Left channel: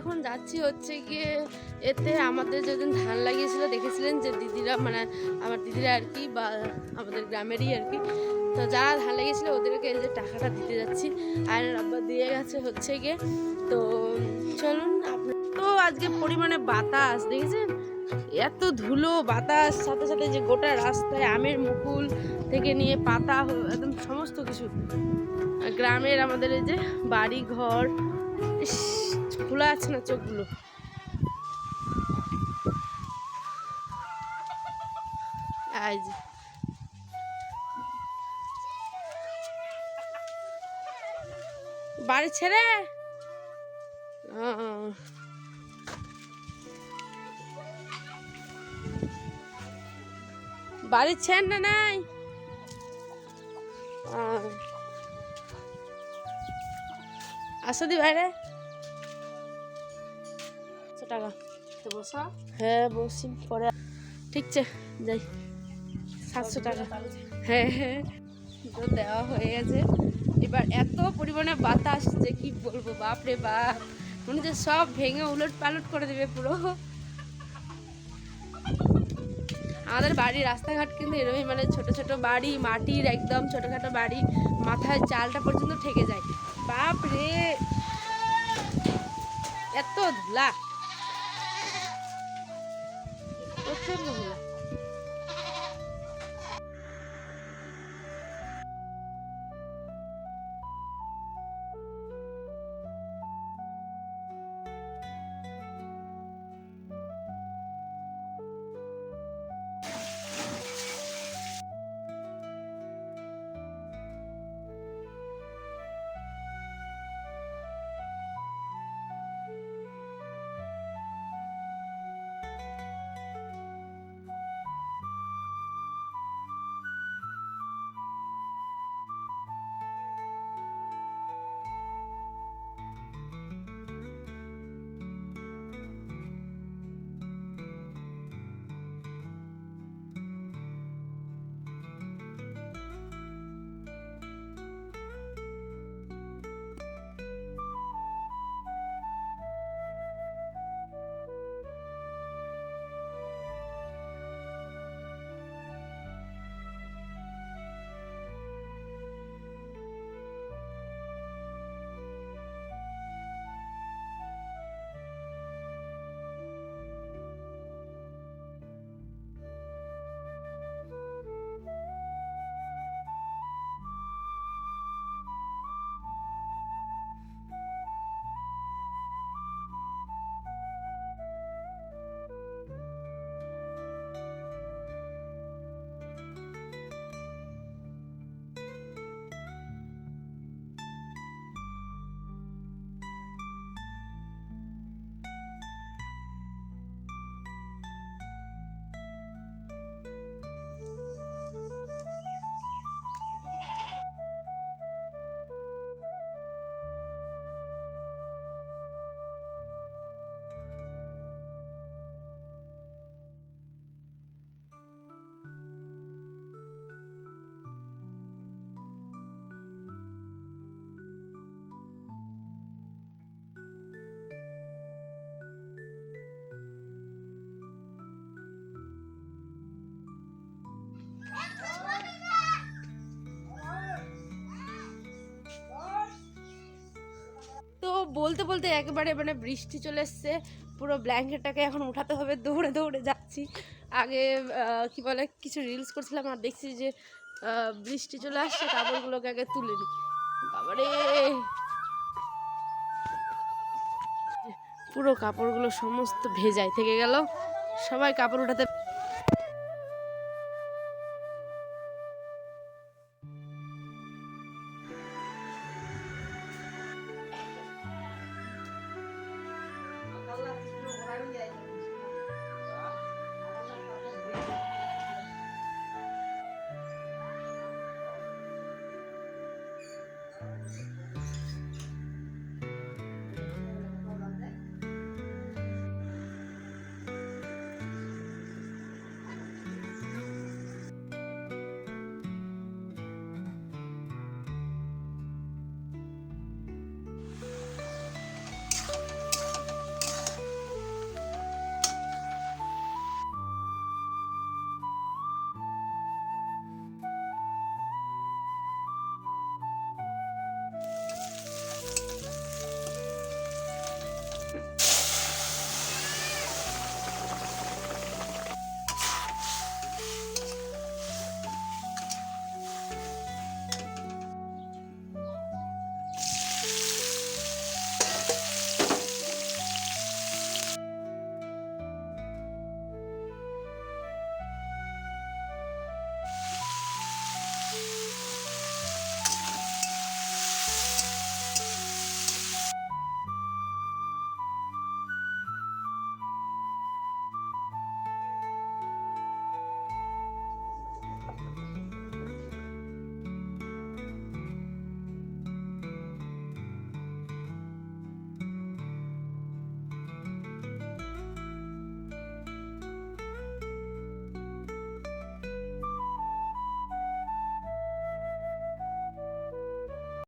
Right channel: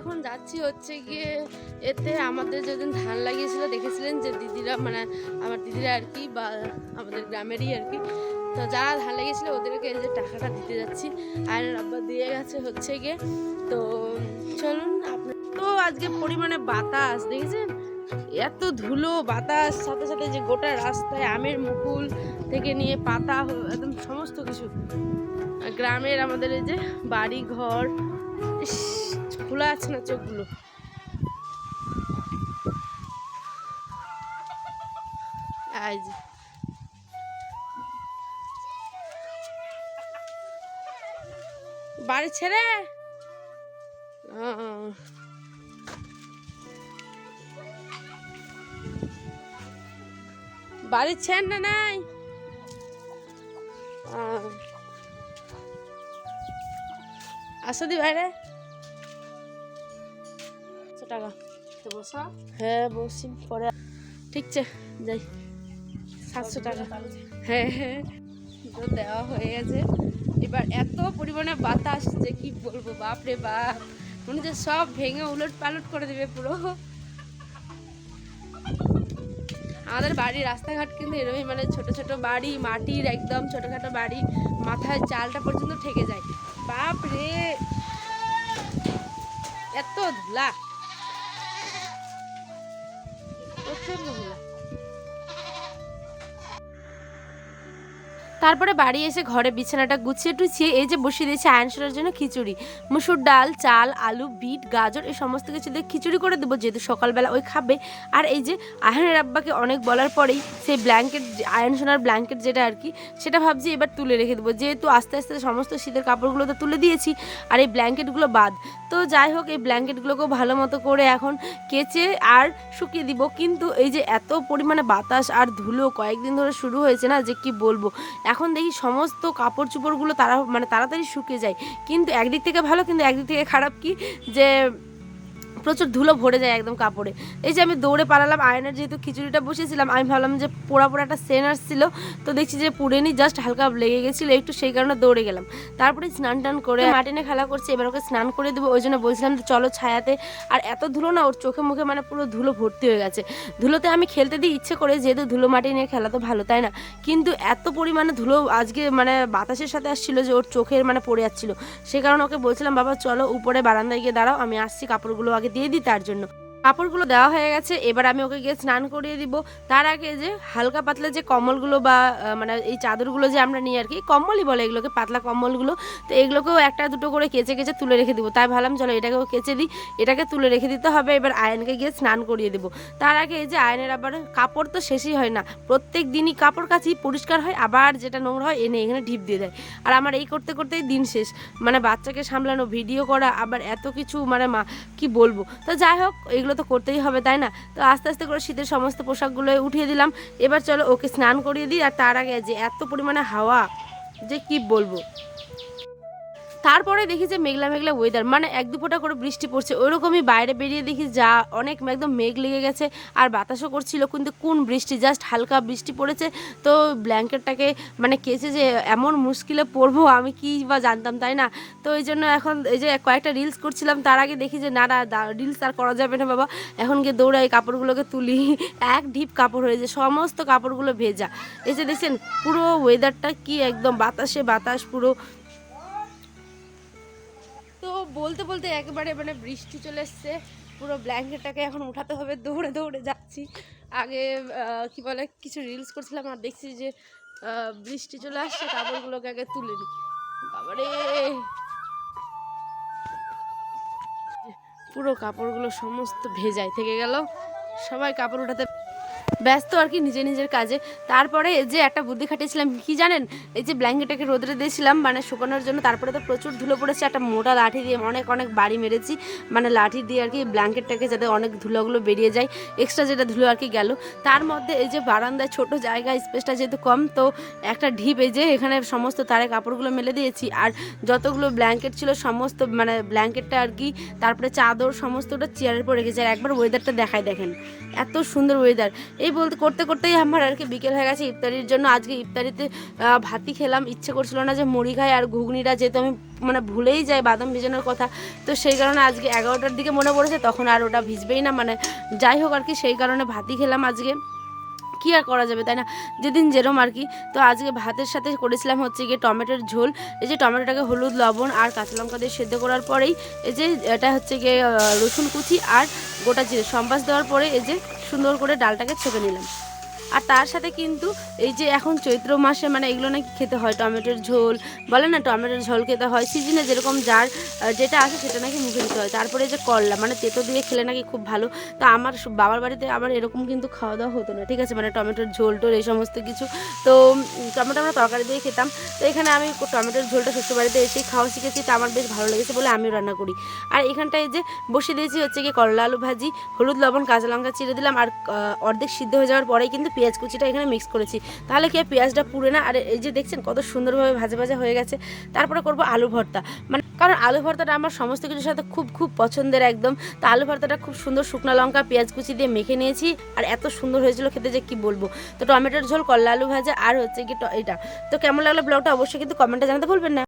এখন যাচ্ছি হচ্ছে গিয়ে এতে আমাদের যেদিন ধান লাগিয়েছিল দেখেছিলেন যে দিদিরা মানে আমার দিদিরা আর কি বা আমাদের গ্রামেরই আর কি, তো যারা ধান লাগিয়েছিল ওদেরকে এই যে টাকাটা দিতে যাচ্ছি। আয়নের আব্বা দিয়ে গেছে হচ্ছে গিয়ে। তো চলুন আপনার তো আজকে পরিমাণে বাতাস দেখেছেন, এত ধুলো বাতাস, সাথে সাথে যে গোটা রাস্তায় আমের মুকুল থেকে নিয়ে পাতা একদম সমস্ত কিছু। গ্রামের আমাদের এই যে বাড়ি ঘর খোলা আছে না চোখগুলো। এই যে বাড়ি ছেড়ে বাড়ি ছেড় না নাই আসো দি বাইরে টাকা বসা। হ্যাঁ বসি পরে ঠিক আছে যাই 700 টাকা। হ্যাঁ হ্যাঁ তো দেওয়া হয়ে গেছে। এবার এত পরিমাণে বাতাস যে কি বলবো, বাপরে বাপ, মনে হচ্ছে সব ভেঙে উলট পালট করে দেবে পুরো। আমাদের বাড়ির রাস্তাঘাট কিন্তু এরকমই, মানে ছোট ছোট বাড়ি, মাটির একদম ছোটখাটো বাড়ি, মাথায় চালটা পর্যন্ত ঠেকে যায়। বাপ রে এত ধুলা, প্রচন্ড ধুলা। তারপরে বাড়ি এসে ঘরে বিছানাটা গুছিয়ে টুছিয়ে এই যে বসিয়ে দিয়েছি আয়ন সোনার জন্য খিচুড়ি, মুসুর ডাল, চাল, আলু, বিট, গাজর এই সমস্ত কিছু দিয়ে খিচুড়ি করে দেবো, যেহেতু সকালবেলা ওই খাবে। আর এই যে আয়নের আব্বাকে অনেক বলার পরেই সেই ব্ল্যাঙ্কেট, আয়ন সোনার ব্ল্যাঙ্কেট যেটা আর কি, সেটা ভাবছি এবার তুলে রেখে দেবো, যেহেতু আস্তে আস্তে সমস্ত শীতের কাপড়গুলো তো তুলে দিয়েছি আর এই ব্ল্যাঙ্কেটগুলো বাদ। তো যাই হোক, এই ব্ল্যাঙ্কেটগুলোকেও ভালো মতো করে এখন কেচে আর শুকিয়ে দিব। কিন্তু এই যে এত পরিমাণে বাতাস আর ধুলো কয়েকদিন ধরে শুরু হয়েছে না, যে কি বলবো, এখন দেখি সমস্ত কাপড় চোপড়গুলো তাড়াতাড়ি শুকিয়ে যায়। কিন্তু একদিক থেকে ভালো, কিন্তু একদিক থেকে খারাপ কি, যে প্রচুর ধুলো ভরে যায় একদম কাপড়ে। এই যে আমি দৌড়ে পালালাম, আয়নের যেহেতু খিচুড়িটা বসেছিলাম, আমি ভাবলাম যে পোড়া পোড়া একটা সেন আসছিল, তো দেখছি যে পুড়েনি, জাস্ট হালকা লেগে গেছিলো একটু, সেই কারণে দৌড়ে গেলাম। তারপরে স্নান টান করে মাটিনে খেলা করছে, এবার ওকে স্নান করে দেবো, ওই জন্য বলছিলাম যে চলো ছায়াতে। আর এত ধুলো না, ওর চোখে মুখে মানে পুরো ধুলো ভর্তি হয়ে গেছে। ধুলোতে আমি খেলতে দিই ইচ্ছে করে, যেহেতু ধুলো মাটি নিয়ে খেলা তো ভালো, তাই না? কিন্তু এত পরিমাণে ধুলো আজকে মানে বাতাসের সাথে আসছিলো যে ওর চোখের মানে পড়ে যাচ্ছিলো। সে কারণে ওকে বলছিলাম বাবা চলো উপরে বারান্দায় গিয়ে দাঁড়াও, আমি আসছি কাপড়গুলো আগে দিয়ে দিই। তার জন্য কাপড়গুলো দেওয়া হয়ে গেছে, এবার আমি ওকে গিয়ে স্নান করিয়ে দিব। তার আগে যে হালকা পাতলা যে কম্বলগুলো বা মানে এই চাদরগুলো যে আমরা নিই আর কি, কম্বলই বলে এগুলোকে, পাতলা কম্বলগুলো, তো এগুলোকেও একটা দুটো করে কেচে কেচে তুলে রেখে দিব। তাই ভাবলাম চলো এটাকেও কেচে দিই, এটাকে তুলে রেখে দিতে হবে। এবার আয়নকে গিয়ে স্নান করিয়ে দেবো। তার আগে এই যে আয়নের আবার কাপড় তো শেষই হয় না, প্রত্যেক দিনই কাপড় কাচি, পরিষ্কার হয়, আবার যেটা নোংরা হয় এনে এখানে ঢিপ দিয়ে দেয়। আর আমার এই করতে করতেই দিন শেষ, মানে বাচ্চাকে সামলানো, ভিডিও করা, আবার এত কিছু, মানে কি বলবো। তো যাই হোক, এগুলো তো করতেই হবে, তাই না? তো আস্তে আস্তে করে শীতের সমস্ত পোশাকগুলো উঠিয়ে দিলাম। এবার চলো ওকে স্নান করিয়ে দিই। আর তার আগে যে এত পরিমাণে হাওয়া, যে কি বলবো। তারপরে দেখি যে মেঘলা মেঘলা ওয়েদার, মানে এক দু ফোঁটা করে বৃষ্টি পড়ছে, ওইরকমই বাইরে বেরিয়ে দেখি যা অনেক একদম মেঘ লেগে গেছে আর বাতাসও করছিল, কিন্তু কোন বৃষ্টি, জাস্ট হালকা বৃষ্টি পড়েছে। তো ব্ল্যাঙ্কেটটাকে মানে কেচে যে এমন মুশকিলে পড়বো আমি কি বা জানতাম, তাই না? তো এই জন্য এখন এই যে কয়েকটা রিলস করছিলাম, তার আগে দেখি যে না রিলস আর করা যাবে না বাবা, এখন গিয়ে দৌড়াই কাপড়গুলোকে তুলি। এক ঢিপ কাপড় হয়েছে, সমস্ত কাপড়গুলো ভেজা। এসে দেখছেন পুরো ওয়েদারটা কি, একদম বাতাসে বাতাস পুরো। তো বলতে বলতে একেবারে মানে বৃষ্টি চলে এসছে, পুরো ব্ল্যাঙ্কেটটাকে এখন উঠাতে হবে, দৌড়ে দৌড়ে যাচ্ছি। আগে কি বলে কিছু রিলস করছিলাম আর দেখছি যে বৃষ্টি চলে আসছে, কাপড়গুলোকে আগে তুলে নিই। বাবারে পুরো কাপড়গুলো সমস্ত ভেজায় থেকে গেল, সবাই কাপড় উঠাতে ব্যস্ত আর কি নিজে নিজের কাজে। তারপরে যে একটা বুদ্ধি খাটিয়েছিলাম কি জানেন, এই যে ব্ল্যাঙ্কেটটাকে রোদরে দিয়েছিলাম মানে শুকানোর জন্য, তারপরে তো প্রচুর ধুলো পড়েছে, একটা মোটা লাঠি দিয়ে অনেক অনেক বাড়ি মেরেছি, মানে লাঠি দিয়ে আর কি ব্ল্যাঙ্কেটটাকে যাতে অনেক ধুলোগুলো বেরিয়ে যায়, এক্সট্রা যেটা ধুলো আর কি গেল। তার মধ্যে এই যে বারান্দায় ছোট জায়গা, স্পেসটা যেহেতু কম, তো একটা ঢিপ এই যে এখানে সমস্ত তারে কাপড়গুলো মেলে দিয়েছি। আর যতগুলো ব্ল্যাঙ্কেট ছিল সমস্ত মানে ব্ল্যাঙ্কেটটা আর কি, তারপরে চাদর সমস্তটা চেয়ারের পর রেখেছি। আর একবার ওয়েদারটা দেখায়, দেখেন এত সুন্দর ওয়েদার। এই বলতে করতে করতেই আমার আর কি বিকেল হয়ে গেছে ইফতারির জন্য। আজকে ইফতারিতে ভাতই খেলাম, ইচ্ছে করছিল না যে মুড়ি খাই আর ঘুগনিটা, যেহেতু আমি মানে ভুলেই যাই বাদাম ভেজানোর কথা, তো সেই কারণে আজকে 11টার দিকে মনে পড়েছে, তখন আর ওটা ভিজবেই না, মানে যাই হোক আর কি, সেই কারণে ভাতই খেলাম আজকে। কী আর করা যাবে, তাই না, যেদিন যেরম আর কি। তো আজকে ভাতের সাথে করেছিলাম হচ্ছে গিয়ে টমেটোর ঝোল। এই যে টমেটোটাকে হলুদ লবণ আর কাঁচা লঙ্কা দিয়ে সেদ্ধ করার পরেই এই যে এটা হচ্ছে গিয়ে রসুন কুচি আর গোটা জিরে সম্বাস দেওয়ার পরে এই যে সুন্দর করে ডালটাকে ছেঁকে নিলাম। আর তার সাথে কিন্তু এই যে এখন চৈত্র মাসে মানে এগুলো নাকি খেতে হয়, টমেটোর ঝোল বলে না, টমেটোর ঝোল খেতে হয়, সিজনে যেরকম যার যেটা আছে সেটা নাকি মুখে দিতে হয়। তারপরে যে করলা মানে তেতো দিয়ে খেলে নাকি খুব ভালো। তো আমার বাবার বাড়িতে আবার এরকম কিন্তু খাওয়া দাওয়া হতো না, ঠিক আছে, মানে টমেটোর ঝোল টোল এই সমস্ত কিছু। তো টমেটো আমরা তরকারি দিয়ে খেতাম। তো এখানে আমি টমেটোর ঝোলটা শ্বশুর বাড়িতে এসেই খাওয়া শিখেছি, তো আমার বেশ ভালো লেগেছে বলে আমিও রান্না করি। আর এখানটায় যে বসিয়ে দিয়েছি হচ্ছে গিয়ে করলা আলু ভাজি, হলুদ লবণ কাঁচা লঙ্কা চিড়ে দিলাম, আর অর্ধেক সিদ্ধ হয়ে যাওয়ার পরেই কিন্তু পেঁয়াজ কুচিটা এখানে মিক্স করেছি, তাহলে কি পেঁয়াজটা পুড়ে না। আর এই যে দেখছেন কত সুন্দরভাবে ভাজা ভাজা হয়ে গেছে। তারপরে করব আলু ভর্তা, মানে কারণ আলু ভর্তাটা আমার সমস্ত কিছুর সাথে খুব খুব পছন্দের একদম। তো আলু ভর্তাটা খুব সুন্দর শুকনো লঙ্কা পেঁয়াজ কুচি দিয়ে মেখে নিয়েছি, আর এত সুন্দর হয়েছিল খেতে যে কি বলবো। তো টমেটোর ঝোল, করলা আলু ভাজা আর হচ্ছে কি এটা। তো কেমন লাগলো ব্লগটা অবশ্যই কিন্তু কমেন্টে জানাতে ভুলবেন না।